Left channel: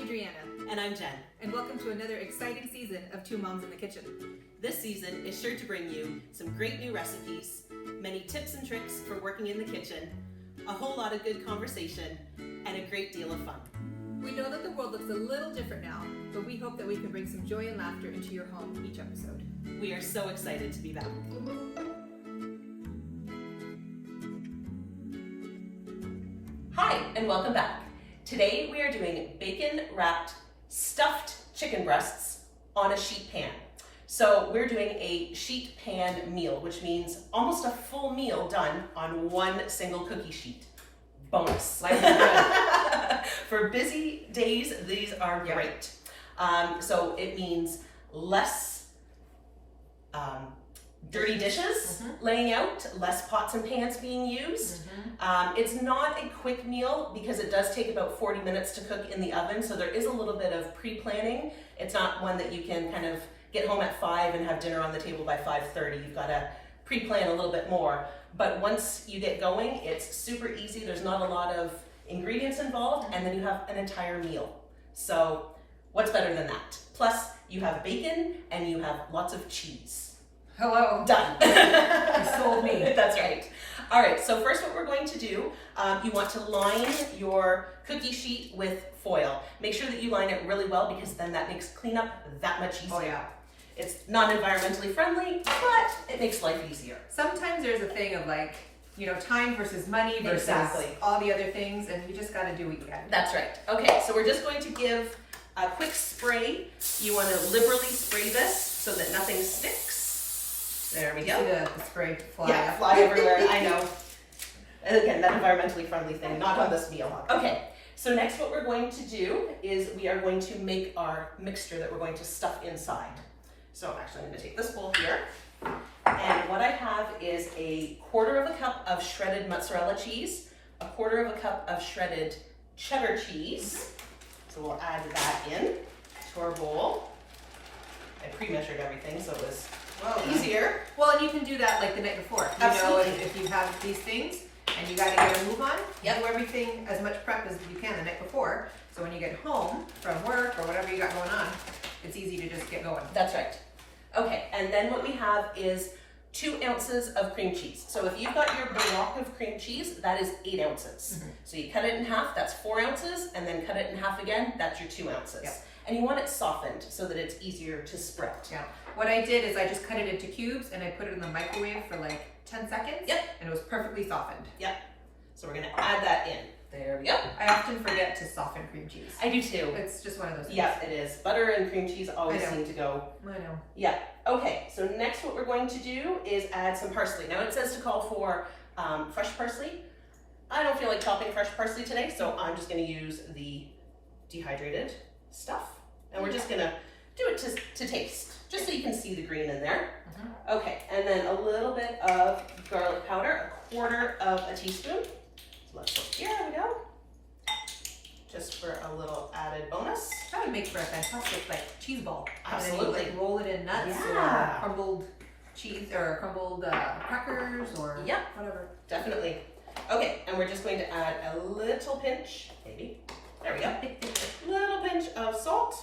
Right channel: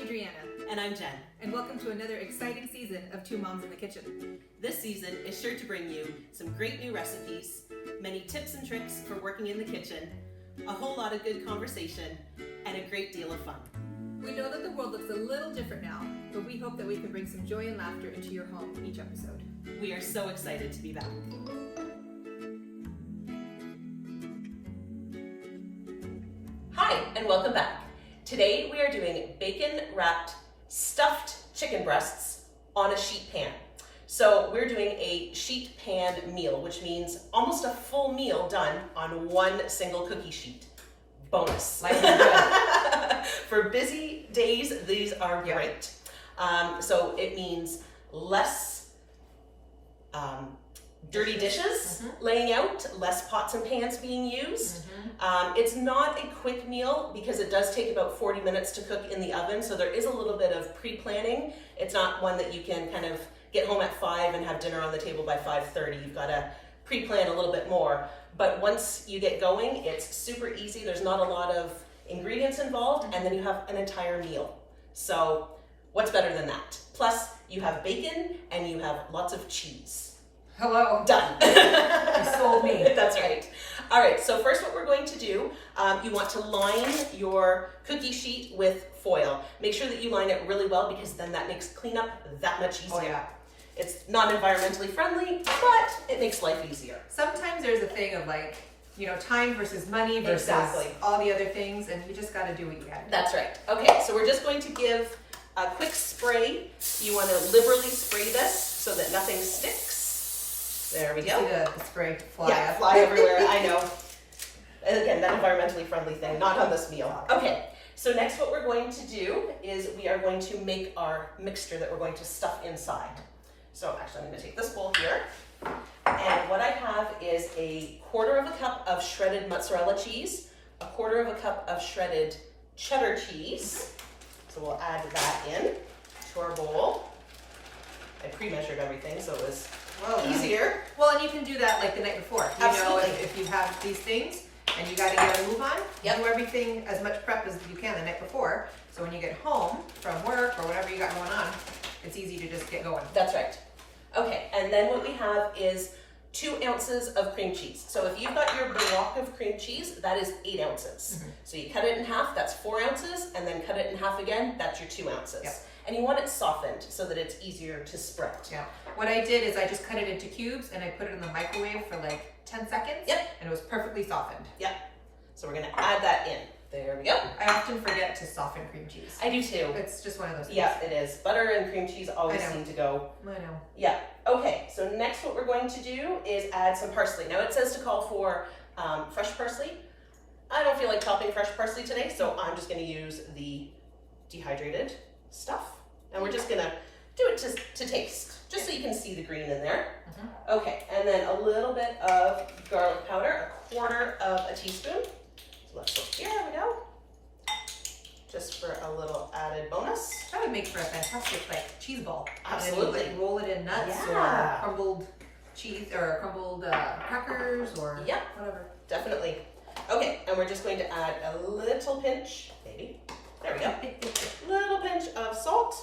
Adriana. And I'm Jen. And welcome to another exciting season of Two Moms in the Kitchen. This season is sure to bring you some great new recipes, many tips and tricks for working in the kitchen, a whole lot of good conversation, and a great deal of fun. We know that the world looks a little different now, but we hope that we can bring some joy and laughter into your home each episode. We are so excited to be back. Hi, and welcome back. Today we are doing bacon-wrapped stuffed chicken breasts on a sheet pan. So we're doing a sheet pan meal, which means almost a full meal done on one single cookie sheet. Bonus. Life is good. For busy days, these are great. So it means less dirty dishes laying out, less pots and pans being used. It's not a quick meal because it does take about 40 minutes to cook in the oven, so there is a little bit of pre-planning. It's not one that you can kind of get home at 5 and have dinner on the table by 5:30. You've got to pre-plan a little bit more. But once you get going, it's super easy. There's not a lot of ingredients involved, and then you have an entire meal. So what's better than that? Plus, you have bacon and you have lots of cheese. Hello. Done. You sold me. That's right. All right, so first what we're going to do, you want to line your cookie sheet with foil. Make sure that you line it really well because then that makes cleanup that much easier. Oh yeah. It's not environmentally friendly, but it makes life easier. Sometimes there's a thing of time versus money versus Exactly. all the other things, and you just got to do what you got to do. That's right. Okay, so we're just going to give a quick spray. You want to liberally spray this so that nothing sticks. There we go. See the spray fly Yeah, up. fly everywhere, I know. Again, that environmentally friendly thing, not on this meal. Okay, so next what we're going to do is we are going to make our mixture that we're going to stuff inside. So actually I'm going to take this bowl here. And what I have is a 1/4 cup of shredded mozzarella cheese, a 1/4 cup of shredded cheddar cheese. So we'll add that in to our bowl. I pre-measured everything so it was easier. Well, and you can do that like the night before. You Absolutely. know, if you have these things and you got to get a move on, Yep. do everything as much prep as you can the night before. So when you get home from work or whatever you got going on, it's easy to just get going. That's right. Okay, and then what we have is 2 ounces of cream cheese. So if you've got your block of cream cheese, that is 8 ounces. So you cut it in half, that's 4 ounces, and then cut it in half again, that's your 2 ounces. Yep. And you want it softened so that it's easier to spread. Yeah. What I did is I just cut it into cubes and I put it in the microwave for like 10 seconds. Yep. And it was perfectly softened. Yep. So we're gonna add that in. There we go. I often forget to soften cream cheese. I do too. It's just one of those things. Yeah, it is. Butter and cream cheese always I know. seem to go. I know. Yeah. Okay, so next what we're going to do is add some parsley. Now it says to call for fresh parsley. I don't feel like chopping fresh parsley today, so I'm just going to use the dehydrated stuff. And we're just going to do it to taste, just so you can see the green in there. Okay, and then a little bit of garlic powder, a 1/4 teaspoon. So let's look here, there we go. Just for a little added bonus. That would make for a fantastic cheese ball. Absolutely. And then you roll it in nuts Yeah. or crumbled cheese or crumbled crackers or Yep. whatever. Definitely. Okay, and we're just going to add a little pinch, maybe. There we go. Little pinch of salt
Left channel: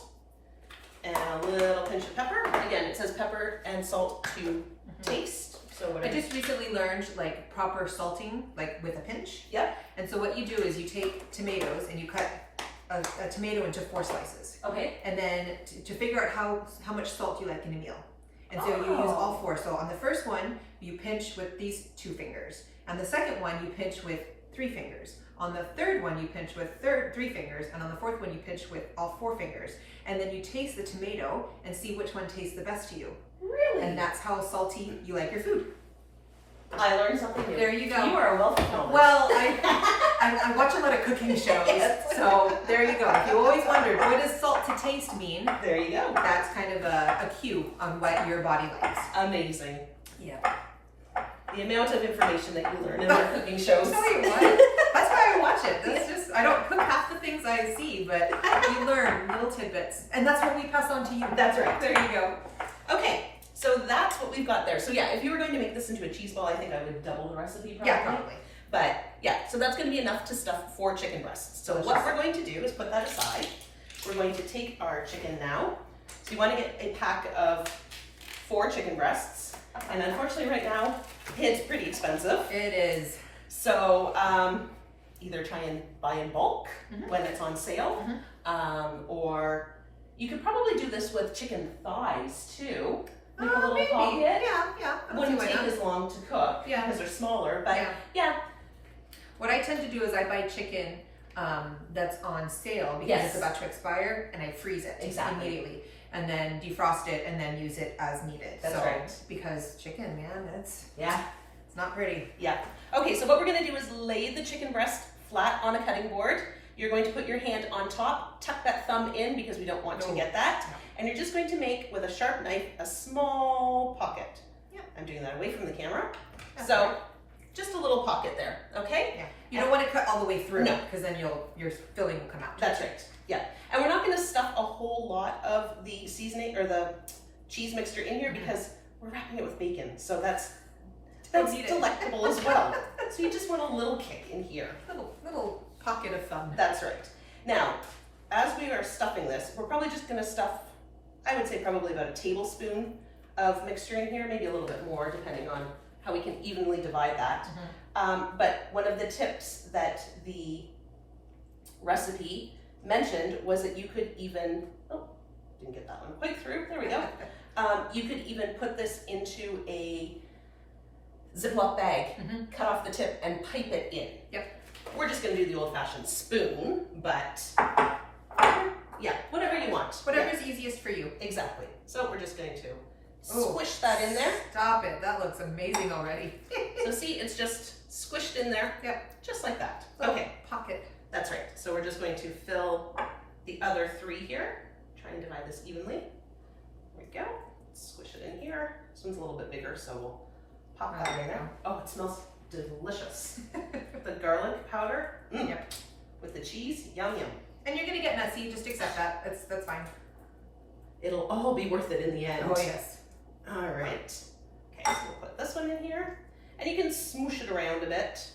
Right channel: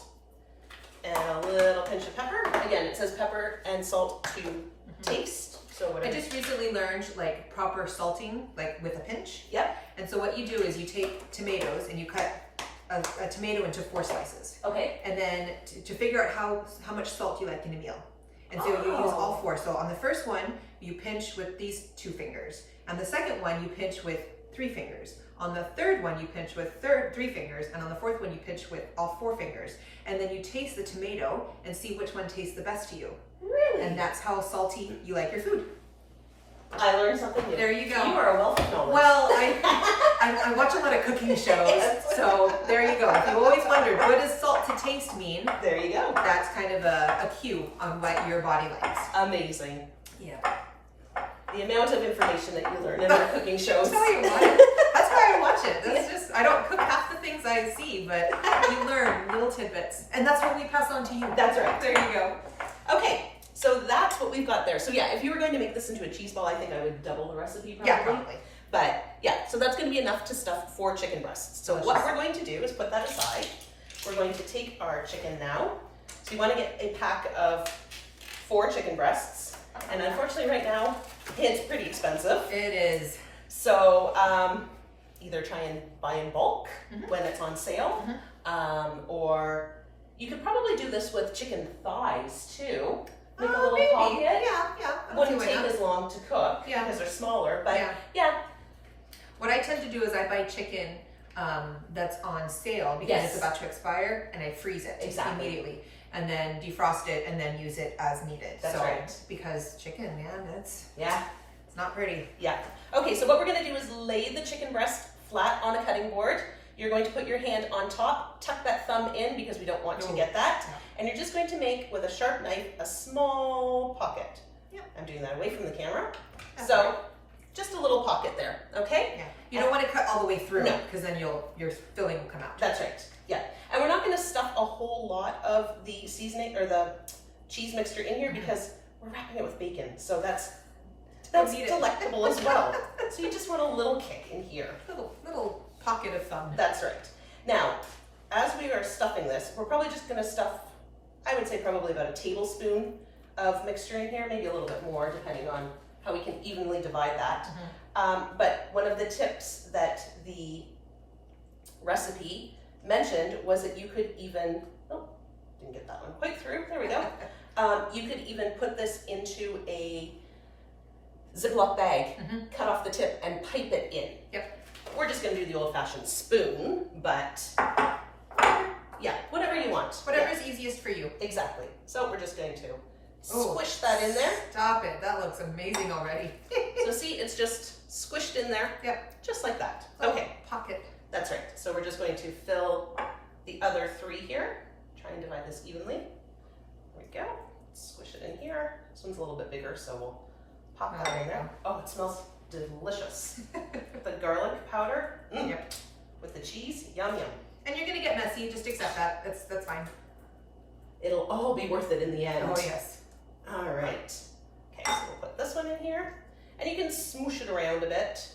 and a little pinch of pepper. Again, it says pepper and salt to taste. So I whatever. just recently learned proper salting with a pinch. Yeah. And so what you do is you take tomatoes and you cut a tomato into 4 slices. Okay. And then to figure out how much salt you like in a meal. And so you use all 4. So on the first one, you pinch with these 2 fingers. And the second one, you pinch with 3 fingers. On the third one, you pinch with 3 fingers. And on the fourth one, you pinch with all 4 fingers. And then you taste the tomato and see which one tastes the best to you. Really? And that's how salty you like your food. I learned something new. There you go. You are a wealth of knowledge. Well, I watch a lot of cooking shows, Yes. so there you go. If you always wondered, what does salt to taste mean? There you go. That's kind of a cue on what your body likes. Amazing. Yeah. The amount of information that you learn in your cooking shows. Tell you what, that's why I watch it. That's just, I don't cook half the things I see, but you learn little tidbits. And that's what we pass on to you. That's right. There you go. Okay, so that's what we've got there. So yeah, if you were going to make this into a cheese ball, I think I would double the recipe probably. Yeah, probably. But yeah, so that's going to be enough to stuff 4 chicken breasts. So what we're going to do is put that aside. we're going to take our chicken now. So you want to get a pack of 4 chicken breasts. And unfortunately right now, it's pretty expensive. It is. So either try and buy in bulk when it's on sale, or you could probably do this with chicken thighs too. Make a little Maybe. pocket. Yeah. I don't Wouldn't see why take not. as long to cook because they're smaller, but yeah. What I tend to do is I buy chicken that's on sale because it's about to expire, and I freeze it immediately, and then defrost it, and then use it as needed. That's right. Because chicken, man, it's not pretty. Yeah. Okay, so what we're gonna do is lay the chicken breast flat on a cutting board. You're going to put your hand on top, tuck that thumb in because we don't want to get that. And you're just going to make, with a sharp knife, a small pocket. Yep. I'm doing that away from the camera. That's So, right. just a little pocket there, okay? Yeah. You don't want to cut all the way through, No. because then your filling will come out. That's right, yeah. And we're not gonna stuff a whole lot of the seasoning or the cheese mixture in here because we're wrapping it with bacon. So that's delectable as well. So you just want a little kick in here. Little pocket of fun. That's right. Now, as we are stuffing this, we're probably just gonna stuff, I would say probably about a tablespoon of mixture in here, maybe a little bit more depending on how we can evenly divide that. But one of the tips that the recipe mentioned was that you could even, didn't get that one quite through, there we go. You could even put this into a Ziploc bag, cut off the tip and pipe it in. Yep. We're just gonna do the old-fashioned spoon, but yeah, whatever you want. Whatever's easiest for you. Exactly. So we're just going to squish that in there. Stop it. That looks amazing already. So see, it's just squished in there. Yep. Just like that. Little Okay. Pocket. That's right. So we're just going to fill the other 3 here. Try and divide this evenly. There we go. Squish it in here. This one's a little bit bigger, so we'll pop that in there. Oh, it smells delicious. The garlic powder. Yep. With the cheese. Yum, yum. And you're gonna get messy. Just accept that. That's fine. It'll all be worth it in the end. Oh yes. All right. Okay, so we'll put this one in here. And you can smoosh it around a bit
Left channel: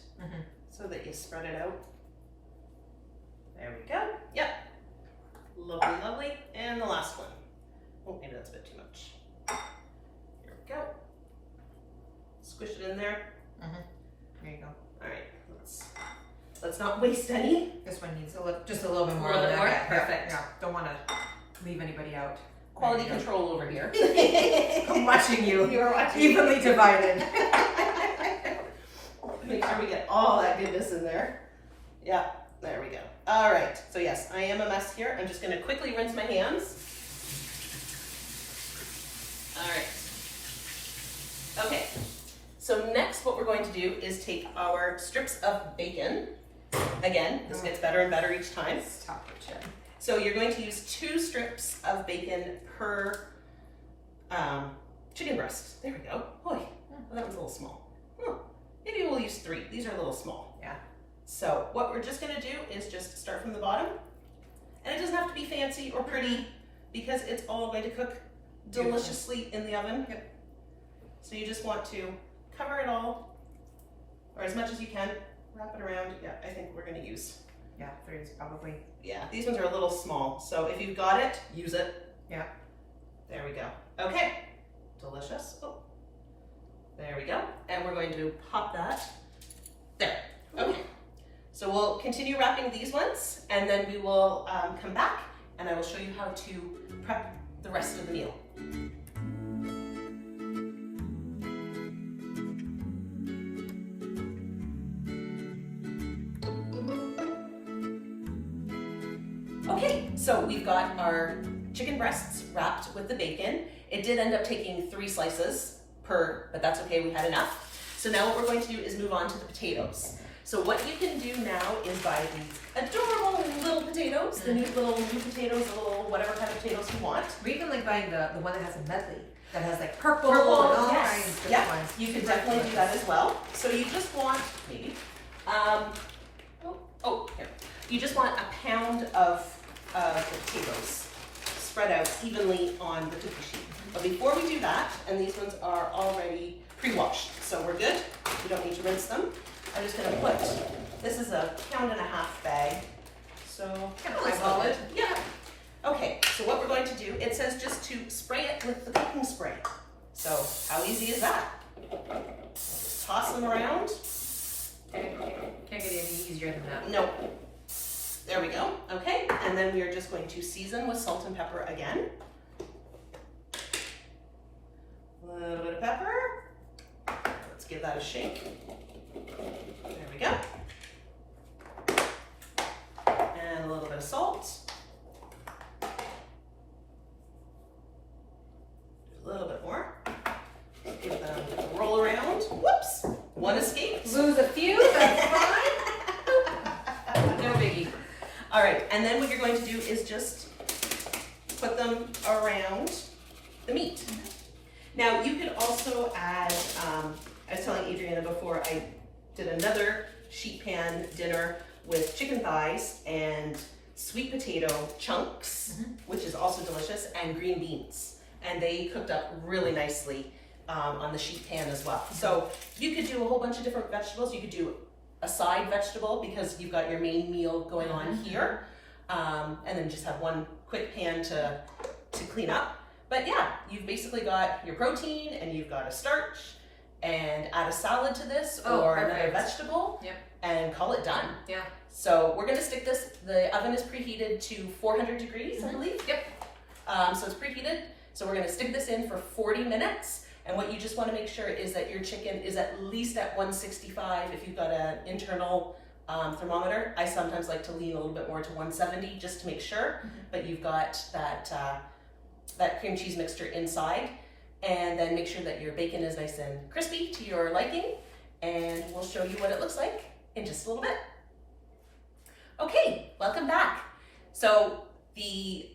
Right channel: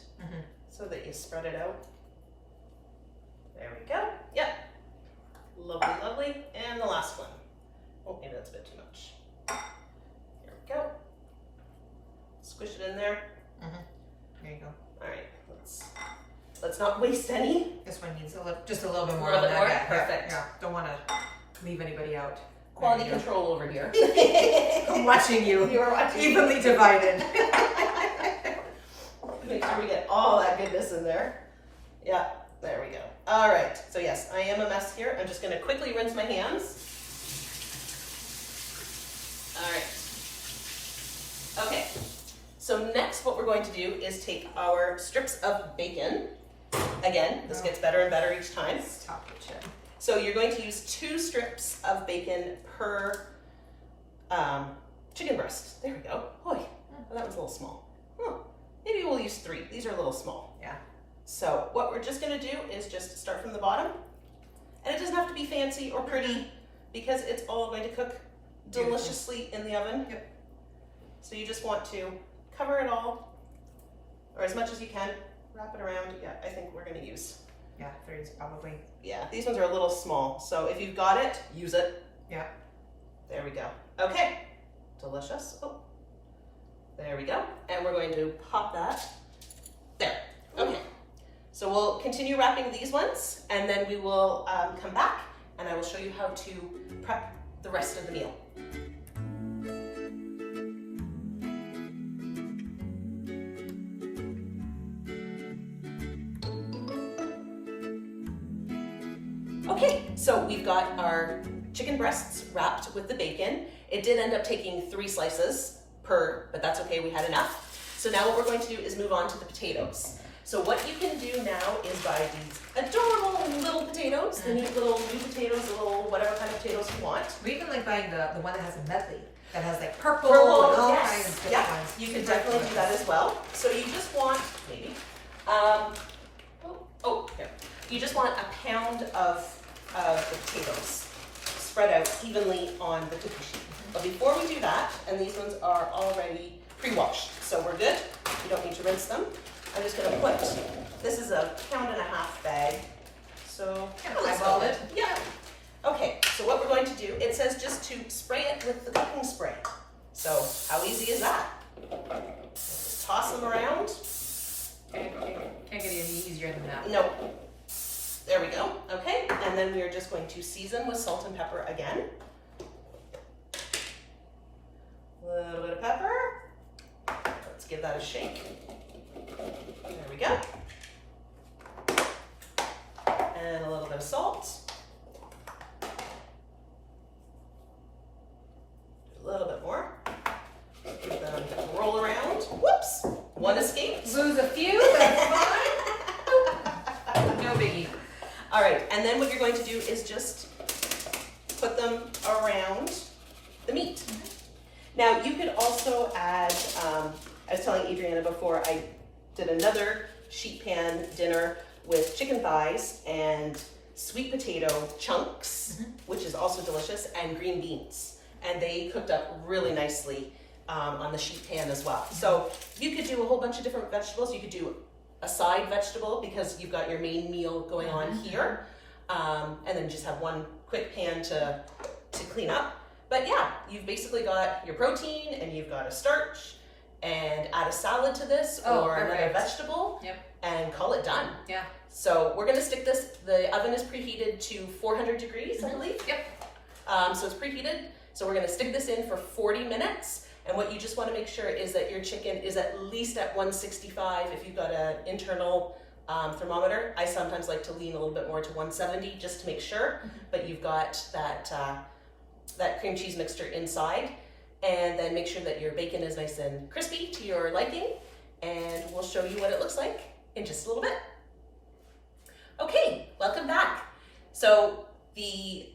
so that you spread it out. There we go. Yep. Lovely, lovely. And the last one. Oh, maybe that's a bit too much. There we go. Squish it in there. There you go. All right. Let's not waste any. This one needs just a little bit more A little on bit that. more? Yeah, Perfect. Yeah. Don't want to leave anybody out. Quality control over here. I'm watching you. You're watching. Evenly divided. Make sure we get all that goodness in there. Yeah, there we go. All right, so yes, I am a mess here. I'm just gonna quickly rinse my hands. All right. Okay, so next what we're going to do is take our strips of bacon. Again, this gets better and better each time. Stop it, Jen. So you're going to use 2 strips of bacon per chicken breast. There we go. Boy, well, that was a little small. Maybe we'll use 3. These are a little small. Yeah. So what we're just gonna do is just start from the bottom. And it doesn't have to be fancy or pretty because it's all going to cook deliciously in the oven. Yep. So you just want to cover it all, or as much as you can, wrap it around. Yeah, I think we're gonna use. Yeah, 3 is probably. Yeah, these ones are a little small. So if you've got it, use it. Yeah. There we go. Okay, delicious. Oh, there we go. And we're going to pop that there. Okay, so we'll continue wrapping these ones and then we will come back and I will show you how to prep the rest of the meal. Okay, so we've got our chicken breasts wrapped with the bacon. It did end up taking 3 slices per, but that's okay, we had enough. So now what we're going to do is move on to the potatoes. So what you can do now is buy these adorable little potatoes, the new potatoes, the little whatever kind of potatoes you want. Or even like buying the one that has a medley, that has like purple, Purple, and all yes. kinds of different Yeah, ones. you can Super definitely do that as well. So you just want, maybe, here. You just want a pound of the potatoes spread out evenly on the cookie sheet. But before we do that, and these ones are already pre-washed, so we're good. You don't need to rinse them. I'm just gonna put, this is a 1.5 pound bag. So, Yeah, eyeball it. Yeah. it says just to spray it with the cooking spray. So how easy is that? Just toss them around. Can't get any easier than that. No. There we go. Okay, and then we are just going to season with salt and pepper again. A little bit of pepper. Let's give that a shake. There we go. And a little bit of salt. A little bit more. Give them a roll around. Whoops! One escaped. Lose a few, that's fine. No biggie. All right, and then what you're going to do is just put them around the meat. Now you could also add, I was telling Adriana before, I did another sheet pan dinner with chicken thighs and sweet potato chunks, which is also delicious, and green beans. And they cooked up really nicely on the sheet pan as well. So you could do a whole bunch of different vegetables. You could do a side vegetable because you've got your main meal going on here. And then just have one quick pan to clean up. But yeah, you've basically got your protein and you've got a starch, and add a salad to this or another vegetable and call it done. Yeah. So we're gonna stick this, the oven is preheated to 400 degrees, I believe. Yep. So it's preheated. So we're gonna stick this in for 40 minutes. And what you just wanna make sure is that your chicken is at least at 165 if you've got an internal thermometer. I sometimes like to lean a little bit more to 170 just to make sure, but you've got that cream cheese mixture inside. And then make sure that your bacon is nice and crispy to your liking. And we'll show you what it looks like in just a little bit. Okay, welcome back. So the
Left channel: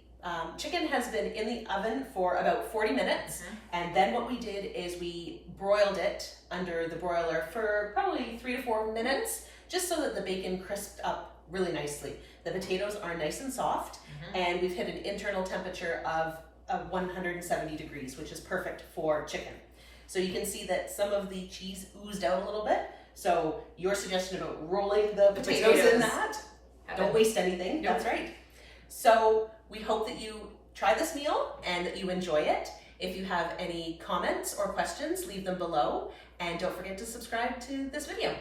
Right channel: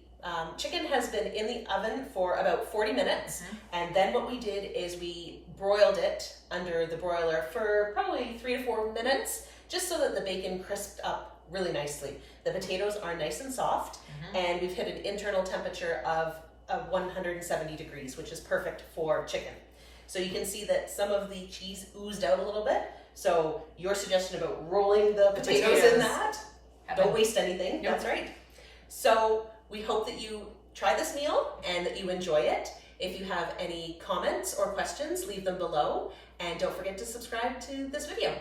chicken has been in the oven for about 40 minutes. And then what we did is we broiled it under the broiler for probably 3 to 4 minutes, just so that the bacon crisped up really nicely. The potatoes are nice and soft, and we've hit an internal temperature of 170 degrees, which is perfect for chicken. So you can see that some of the cheese oozed out a little bit. So your suggestion about rolling the potatoes in that, don't waste anything, that's right. So we hope that you try this meal and that you enjoy it. If you have any comments or questions, leave them below. And don't forget to subscribe to this video.